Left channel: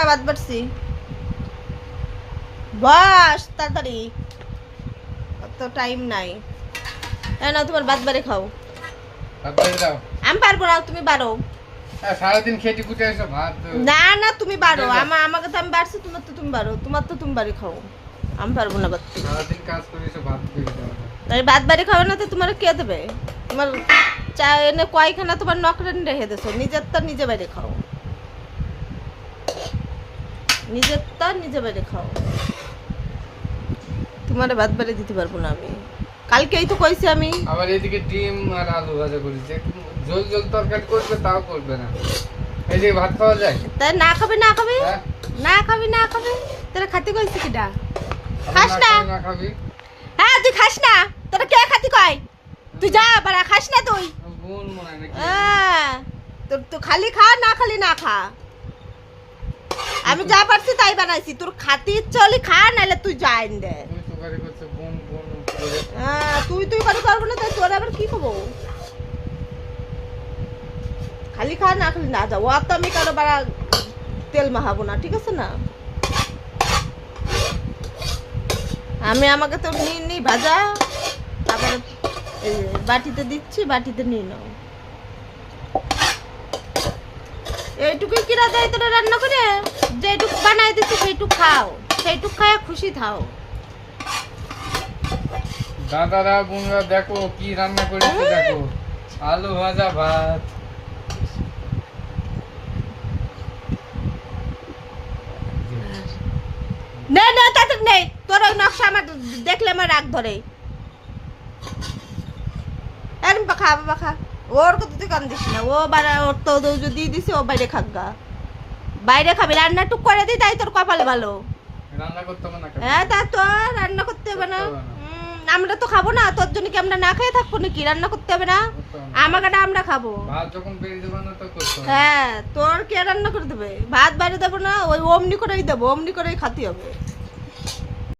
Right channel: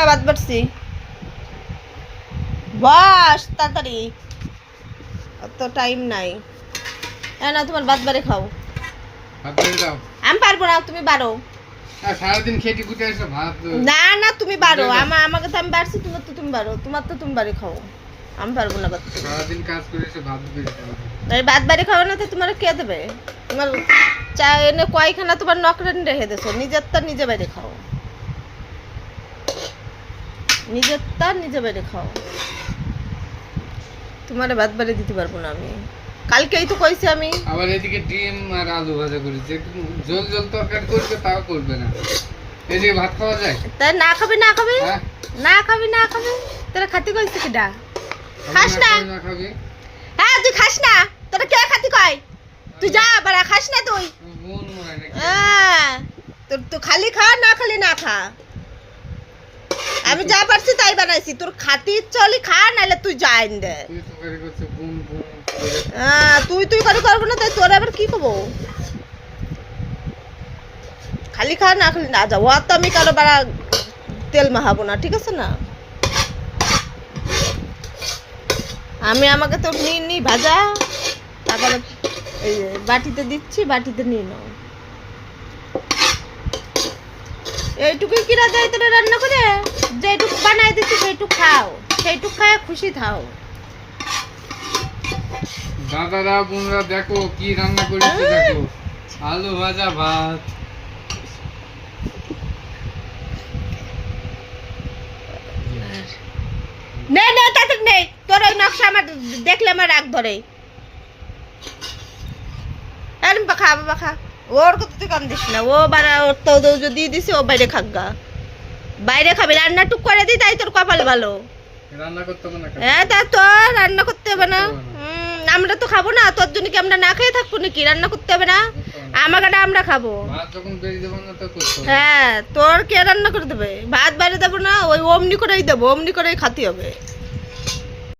হ্যাঁ ভাত বাড়ছি। বস তাড়াতাড়ি, অত টাইম নাই। না তোমার ভাত বাড়ি খাও। আমি পারবো না, তুমি বাড়ো। সারাদিন খেটে খুটে এসে ভাত। না না তুমি বাড়ো, আমাকে তো আমি বাড়ছি, তোমার তো তুমি বাড়ো, তোমার তো তুমি বাড়ি খাও। আমি পারবো না বাড়তে। সারাদিন কাজ করে এসে ভাত বেরিয়ে তাই ভাত বাড়ি খাও না তো তোমার কে দেবে? তোমার চা এনে কয়খানা তোমার নকরেন রেখে দেছো, নিজেরটা নিজে বাইরে খাও, নিজেরটা নিজে বাইরে খাও। তোমার ভাত বাড়ি দিতে পারবো না আমি, কালকেই তো কইছি আমি। আবার এদিকে ডিম আর আলু ভাজা করি, যে ঝোল ঝোল তরকারি করবে তাও করবে না। এদিকে ভাত খাওয়া যায়? তাই না খাবি না খাবি হ্যাঁ? না খাবি না খাবি, তোরা খাতি কইছি কিডা? খাস না? না খাবি? হ্যাঁ তুই খাস না, তোরা কে খাতি কয়? তুই যা বাড়া, খাস না তুই? বোন মনে নাকি? হ্যাঁ তোর তো খালি খা, না খালি না খা। আমি যা পারছি তাই বানাইছি, তোর খাতি ইচ্ছা হলে খা, নাহলে তুই যা আইন দে। তুই তরকারি করছে বোন বোন করে। হ্যাঁ তুই তুই করে করবো না, তাই তোর আবার কি করবো? খালি খা, না খালি না যাও। আর তো আমি কারো বাড়া তেল মাখাবো না, ঠিক আছে না? আমি আমাকে তো নি ভাজা, তারপরে এই যে বাটিতে দিচ্ছি, বাটিতে নিয়ে নাও। এইটুকুই কিরা দেয় তোরা রান্না করে, যেটুকু বানাই দিচ্ছি সেইটুকু খাও, সেইটুকু খায় খুশি থাও। দাদারা বোনরা দেখো কি রান্না করেছে, দেখো আলু ভাজা ভাত। নেই নেই তাতে নেই, তোর ওই নকশা আমার দেখলে আমার রাগ ধরে। এরম পাখা পাখা, ওর কত তুই কান দিস না, ও বাড়া ওর তো যদি দিছি ও বাইরে খাগা, বাইরে খাবি। রান্না টুক করে দিই, তাই তোর কপাল ভালো। রান্না করতে হবে না কেন? হ্যাঁ তা তোর রান্না করতে হবে না। আমরা তো খাবো না, তোর জন্য কি আমরা না খেয়ে থাকবো নাকি? রান্না করতে হবে না, আমাকে আমরা খাবো। ভাত যখন বেরিয়ে দেবো না তো করতে হবে। হ্যাঁ তোর কে রান্না করে দেবে? ভাত বাইরে দেবো না, ওই অমনি করেই দেবো, অমনি করেই খাতে হবে।